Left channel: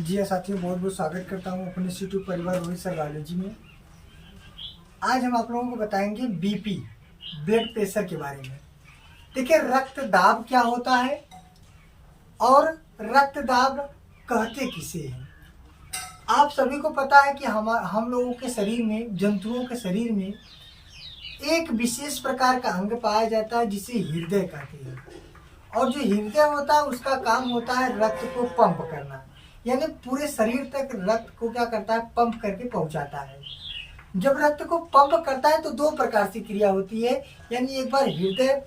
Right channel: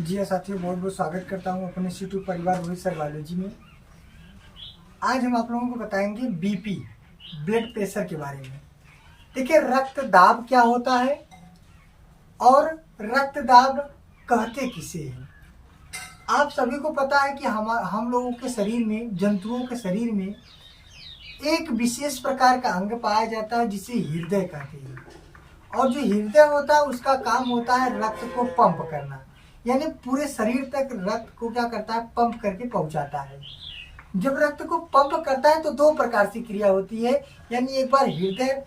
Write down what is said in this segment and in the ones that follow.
जी हाँ साथियों, बहुत बहुत स्वागत करता हूँ अपने यूट्यूब परिवार रोहित सर बायोलॉजी में। आज हम आप लोगों को बताएंगे बीपी, ब्लड प्रेशर के बारे में। देखिए, रक्त दाब क्या होता है और रक्त दाब कहते किसे हैं। आप सभी को पता है कि हम लोगों के शरीर में, जंतुओं के शरीर में एक विशेष प्रकार का अंग पाया जाता है जिसे हृदय कहते हैं। और जो हृदय होता है उसका काम होता है रक्त को पंप करना, यानी पूरे शरीर तक रक्त को क्या करता है, पंप करके पहुंचाता है। जब रक्त को पंप करता है तो दो प्रकार से क्रिया होती है, यानी एक बार हृदय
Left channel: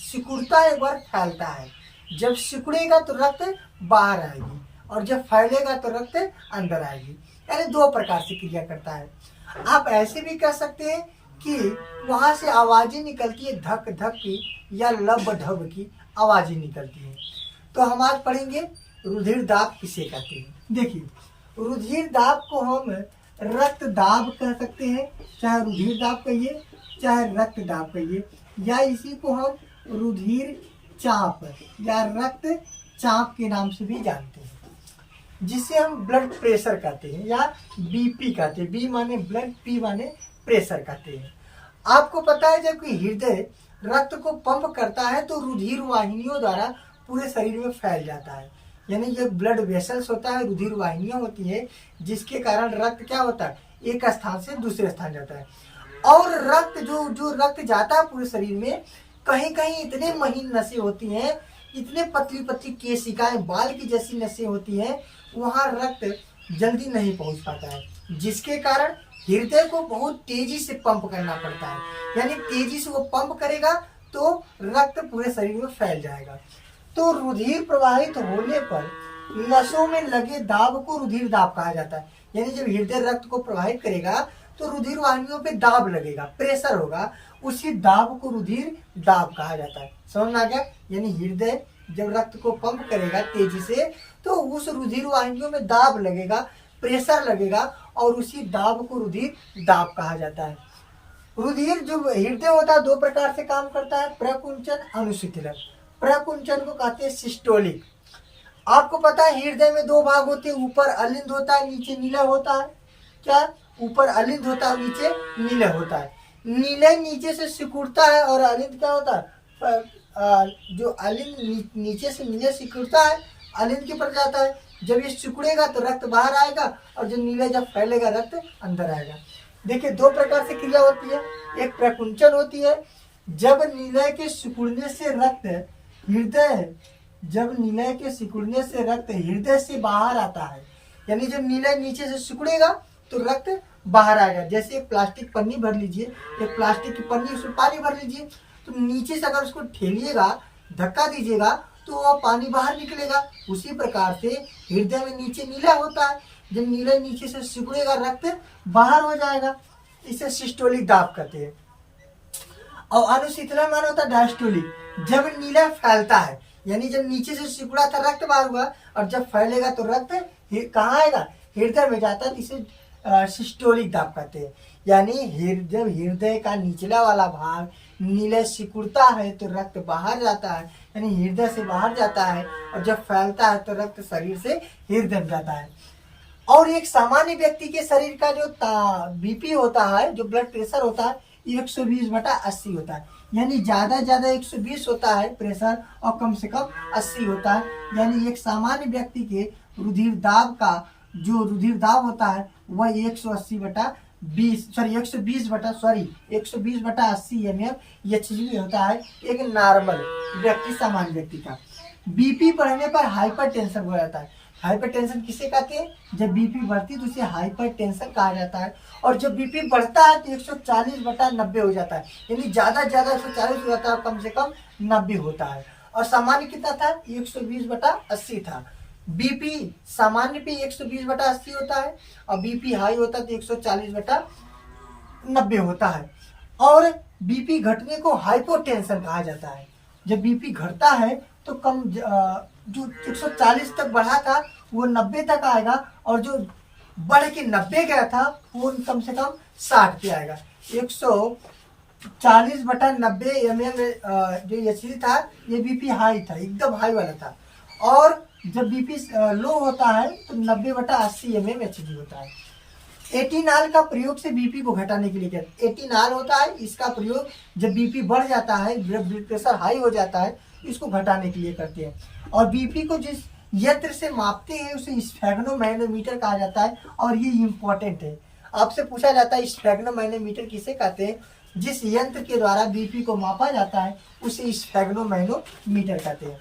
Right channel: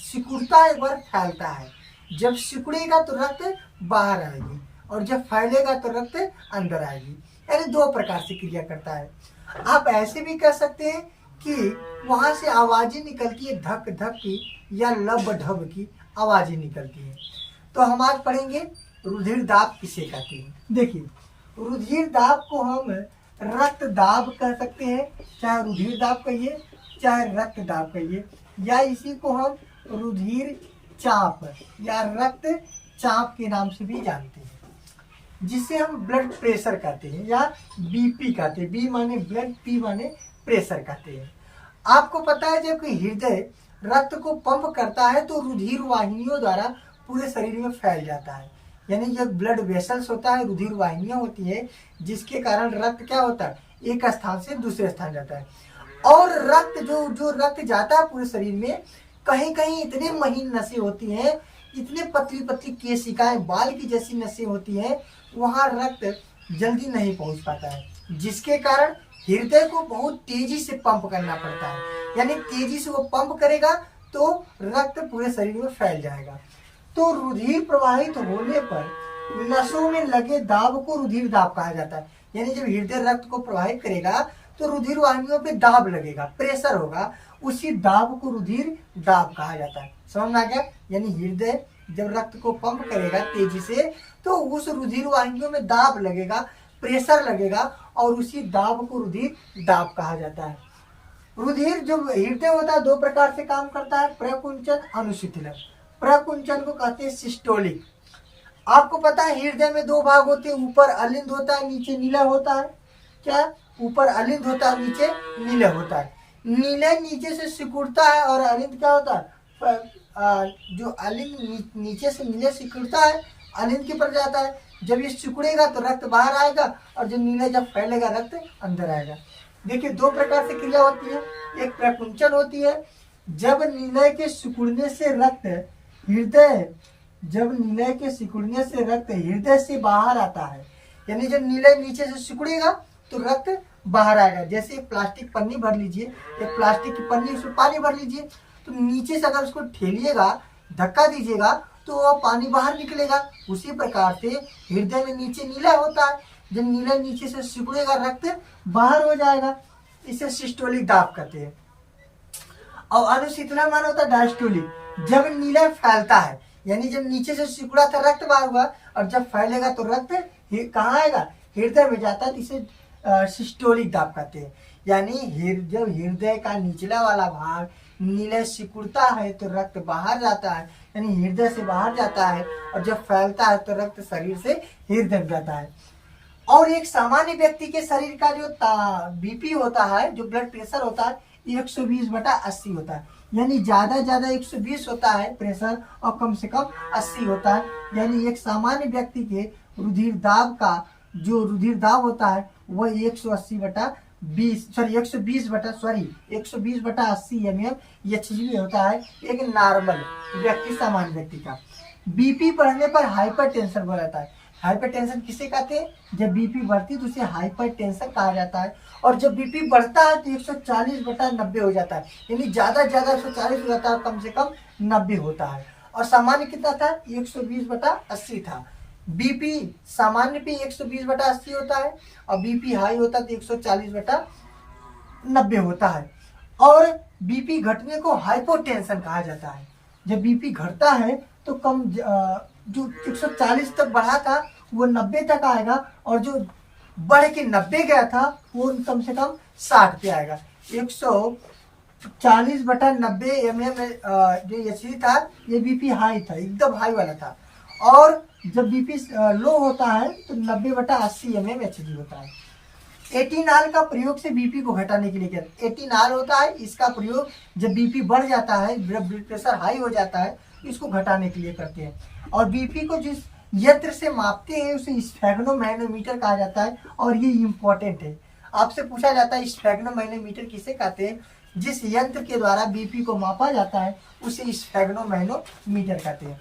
सिकुड़ता है, एक बार फैलता है। जब सिकुड़ेगा तो रक्त बाहर आएगी और जब फैलेगा तो रक्त अंदर आएगी, यानी दो प्रकार से क्रिया करता है। आप ऐसे भी कह सकते हैं कि वहां से आवाजें निकलती है, धक धक की या लब ढब की आवाजें निकलती हैं। तो हम आज पढ़ेंगे रुधिर दाब किसे कहते हैं। देखिए, रुधिर दाब को हम रक्त दाब कह सकते हैं, चाहे रुधिर दाब कहिए चाहे रक्त दाब कहिए, या इसी को हम रुधिर चाप या रक्त चाप के नाम से भी जानते हैं, जिसे हम ब्लड प्रेशर कहते हैं या बीपी कहते हैं। बी माने ब्लड, पी माने प्रेशर कहते हैं। आपको पता है, जब कि हृदय रक्त को पंप करता है तो रुधिर वाहिनियों द्वारा पूरे शरीर में फैल जाता है, यानी जो ब्लड वेसल्स होता है, रुधिर वाहिनियां होती है, जिसके कारण रक्त क्या होता है, एक स्थान से दूसरे स्थान जाता है। और रक्त जो रक्त जाता है पूरे शरीर में, कहीं कहीं इतने महीन नसें होती हैं, इतने पतली पतली केशिकाएं, बाल की जैसी नसें होती हैं, वहां रक्त जल्दी नहीं पहुंच पाता है, जिसके कारण हृदय को बहुत तेजी से पंप करना पड़ता है। यानी तेजी से वो पंप करेगा तो रक्त पूरे शरीर में फैल जाएगा। तो रुधिर प्रवाहित होने पर नसों में लगे दाब को रुधिर दाब कहा जाता है। यानी जब हृदय रक्त को प्रवाहित करेगा तो रुधिर वाहिनियों पे दाब लगेगा, प्रेशर होगा, उसी दाब को रुधिर दाब कहा जाता है। समझ में आ गया? यानी हृदय जब रक्त को पंप करेगा तेजी से तो उस रुधिर वाहिनियों में दाब लगेगा, प्रेशर लगेगा, और उसी दाब को रुधिर दाब कहा जाता है। रुधिर जो हृदय होता है दो प्रकार से काम करता है, प्रकुंचन, अनुशीतलन। प्रकुंचन को कहते हैं सिस्टोलिक। आपको पता है हृदय में दो भाग होते हैं, ऊपर अलिंद होता है, नीचे नीला होता है। क्या? ऊपर अलिंद होता है, नीचे नीला होता है। नीले नीचे से सिकुड़ता है और अलिंद क्या होता है, जो अलिंद नीचे से नीले सिकुड़ता है, अलिंद की पर जाता है। जब ये सिकुड़ेगा तो रक्त बाहर आएगा और जो नीले जब फैलेगा रक्त अंदर आएगा। देखिए, दो प्रकार से क्रिया होती है। एक प्रकुंचन होती है, जब नीले के सिकुड़ने से रक्त हृदय जब नीले के सिकुड़ने से रक्त हृदय से बाहर आता है, यानी जब नीले नीचे से सिकुड़ेगा तो रक्त बाहर आएगा। जैसे एक प्लास्टिक पन्नी भर लीजिए, एक प्लास्टिक की पन्नी, उसमें पानी भर लीजिए, तो नीचे से अगर उसको ठेलिएगा, धक्का दीजिएगा तो वह पानी बाहर निकलेगा। उसी प्रकार से हृदय में नीचे नीला होता है, जब नीला नीचे से सिकुड़ेगा रक्त बाहर हो जाएगा। इसे सिस्टोलिक दाब कहते हैं। और अनुशीतलन मान होता है डायस्टोलिक, जब नीला फैलता है, यानी जब नीचे से सिकुड़ा था रक्त बाहर हुआ और जब फैलेगा तो रक्त कहाँ आएगा, हृदय में जाता है। इसे सिस्टोलिक दाब कहते हैं। यानी जब हृदय का निचला वाला भाग नीले सिकुड़ता है तो रक्त बाहर जाता है, यानी हृदय से बाहर जाता है, और जब फैलता है तो रक्त शरीर से हृदय में जाता है। और एक सामान्य व्यक्ति के शरीर का जो बीपी होता है, जो ब्लड प्रेशर होता है, 120/80 होता है। यानी ज्यादा 120 होता है प्रेशर और कम से कम 80 होता है। यानी एक सामान्य व्यक्ति के रुधिर दाब का जो रुधिर दाब होता है वह 120/80 mm HG होता है, एक नॉर्मल व्यक्ति, सामान्य व्यक्ति का। बीपी बढ़ने पर हाइपरटेंशन हो जाता है। हाइपरटेंशन किसे कहते हैं? जब बीपी बढ़ती है तो उसे हाइपरटेंशन कहा जाता है। और जब बीपी बढ़ता है तो 140/90 हो जाता है, यानी ज्यादा 140 हो जाता है, कम से कम 90 होता है। और सामान्य कितना था? 120/80 था। बीपी सामान्य पे 120/80 होता है और बीपी हाई होता है तो 140/90 होता है। और बीपी घटने को हाइपोटेंशन कहा जाता है। जब बीपी घटता है तो कम जो 140 तक बढ़ा था वो 90 तक आएगा, और जो बढ़ के 90 गया था वो कम से कम 60 पे आएगा। 140/90 mm जो एचडी था, ये बीपी हाई था, एकदम हाई वाला था। और जब बीपी लो होता है तो 90/80 mmHg होता है। एटिनॉल का प्रयोग से बीपी को घटाने के लिए किया। एटिनॉल होता है, इसका प्रयोग जब बीपी बढ़ जाता है, ब्लड प्रेशर हाई हो जाता है, इसको घटाने के लिए करते हैं। और बीपी को जिस यंत्र से मापते हैं उसे स्फेग्नोमैनोमीटर कहा जाता है। और ये इम्पोर्टेंट है, आपसे पूछा जाता है स्फेग्नोमैनोमीटर किसे कहते हैं? जिस यंत्र के द्वारा बीपी को मापा जाता है उसे स्फेग्नोमैनोमीटर कहते हैं।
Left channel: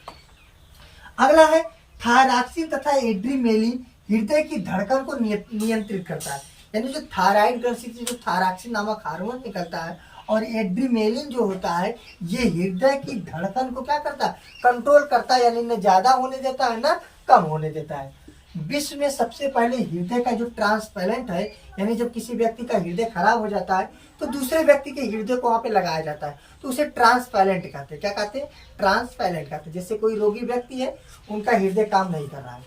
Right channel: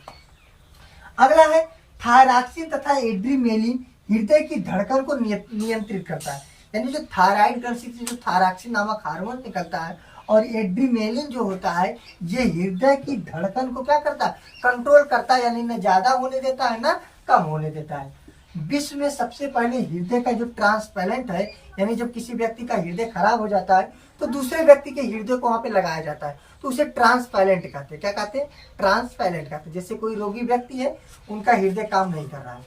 अगला है थायरॉक्सिन तथा एड्रीनलिन हृदय की धड़कन को नियंत्रित करता है। यानी जो थायराइड ग्रंथि से जो थायरॉक्सिन नामक हार्मोन निकलता है और एड्रीनलिन जो होता है ये हृदय की धड़कन को क्या करता है? कंट्रोल करता है, यानी न ज्यादा होने देता है ना कम होने देता है। विश्व में सबसे पहले हृदय का जो ट्रांसप्लांट है, यानी जब किसी व्यक्ति का हृदय खराब हो जाता है तो दूसरे व्यक्ति के हृदय को वहां पे लगाया जाता है, तो उसे ट्रांसप्लांट कहते हैं। क्या कहते हैं? ट्रांसप्लांट कहते हैं। जैसे कोई रोगी व्यक्ति है, उनका हृदय काम नहीं कर रहा है,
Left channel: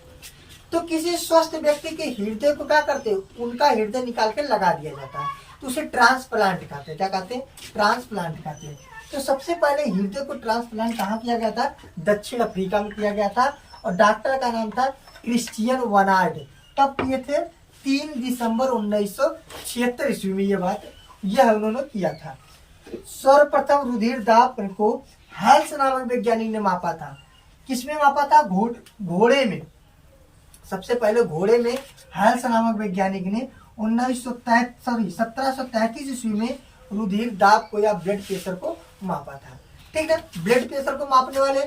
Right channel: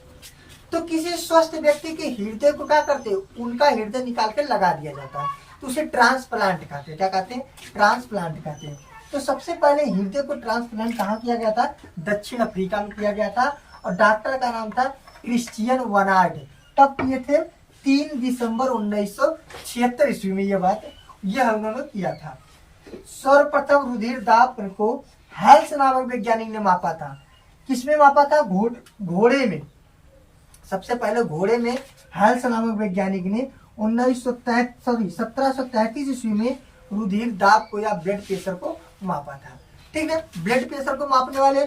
तो किसी स्वस्थ व्यक्ति के हृदय को क्या करते हैं? उनका हृदय निकाल के लगा दिया जाता है, तो उसे ट्रांसप्लांट कहते हैं। क्या कहते हैं? ट्रांसप्लांट कहते हैं। तो सबसे पहले हृदय को ट्रांसप्लांट कहाँ किया गया था? दक्षिण अफ्रीका में किया गया था, और डॉक्टर का नाम था क्रिश्चियन वनार्ड। तब किए थे 3 दिसंबर 1976 ईस्वी में यह उन्होंने किया था। सर्वप्रथम रुधिर दाब को हेल्स नामक वैज्ञानिक ने मापा था। किसमें मापा था? घोड़े में। सबसे पहले घोड़े में हेल्स नामक वैज्ञानिक ने 1733 ईस्वी में रुधिर दाब को या ब्लड प्रेशर को मापा था। ठीक है, ब्लड प्रेशर को मापने वाले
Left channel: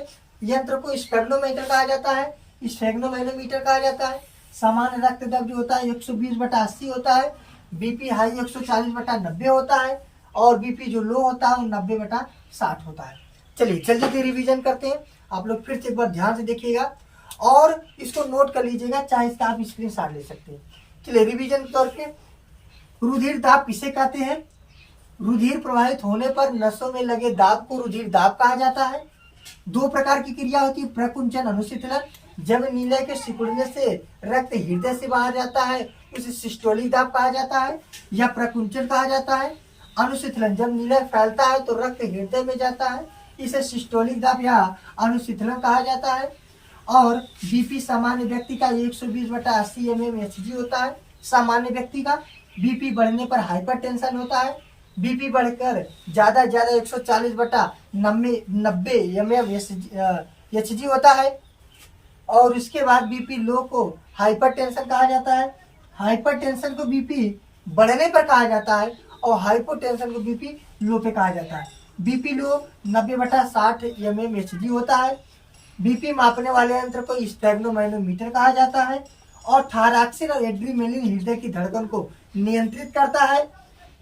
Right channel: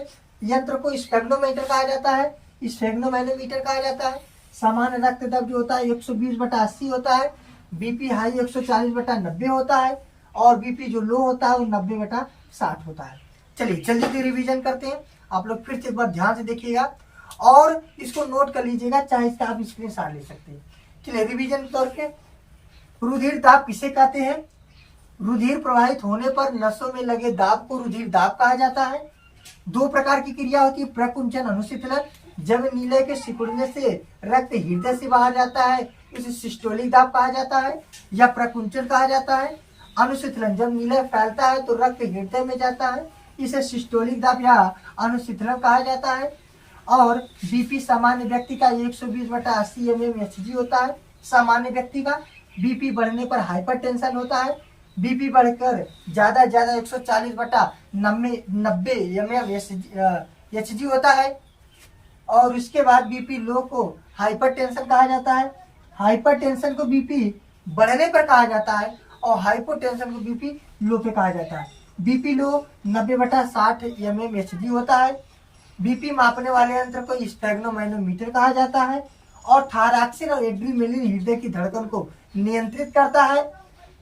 यंत्र को स्फेग्नोमीटर कहा जाता है, स्फेग्नोमैनोमीटर कहा जाता है। सामान्य रक्त दबाव जो होता है 120/80 होता है, बीपी हाई 140/90 होता है, और बीपी जो लो होता है वो 90/60 होता है। चलिए जल्दी से रिवीजन करते हैं। आप लोग फिर से एक बार ध्यान से देखिएगा और इसको नोट कर लीजिएगा, चाहे इसका आप स्क्रीनशॉट ले सकते हैं। चलिए रिवीजन के तौर पे, रुधिर दाब किसे कहते हैं? रुधिर प्रवाहित होने पर नसों में लगे दाब को रुधिर दाब कहा जाता है। 2 प्रकार की क्रिया होती है, प्रकुंचन अनुशीतलन। जब नीले के सिकुड़ने से रक्त हृदय से बाहर जाता है उसे सिस्टोलिक दाब कहा जाता है या प्रकुंचन कहा जाता है। अनुशीतलन, जब नीला फैलता है तो रक्त हृदय में जाता है, इसे सिस्टोलिक दाब या अनुशीतलन कहा जाता है। और बीपी सामान्य व्यक्ति का 120/80 mmHg होता है। सामान्य व्यक्ति का बीपी बढ़ने पर हाइपरटेंशन होता है। बीपी बढ़कर ज्यादा 140/90 mmHg होता है। और उसके बाद बीपी लो को हाइपरटेंशन कहा जाता है। हाइपरटेंशन को बीपी बढ़ने पर कहा जाता है और हाइपोटेंशन को बीपी लो पे कहा जाता है। बीपी लो 90/60 mmHg होता है। बीपी मापने वाले यंत्र को स्फेग्नोमैनोमीटर कहा जाता है। और थायरॉक्सिन और एड्रीनलिन हृदय की धड़कन को नियंत्रित करता है।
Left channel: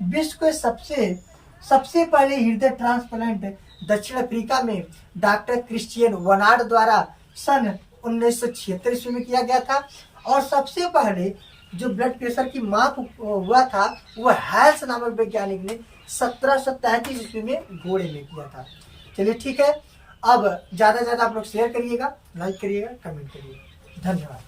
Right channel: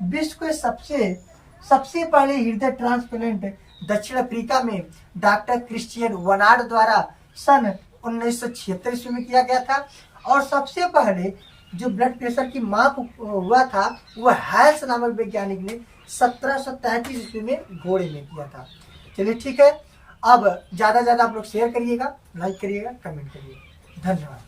विश्व के सबसे पहले हृदय ट्रांसप्लांट दक्षिण अफ्रीका में डॉक्टर क्रिश्चियन वनार्ड द्वारा सन 1976 ईस्वी में किया गया था। और सबसे पहले जो ब्लड प्रेशर की माप हुआ था वह हेल्स नामक वैज्ञानिक ने 1733 ईस्वी में घोड़े में किया था। चलिए ठीक है, अब ज्यादा आप लोग शेयर करिएगा, लाइक करिएगा, कमेंट करिएगा। धन्यवाद।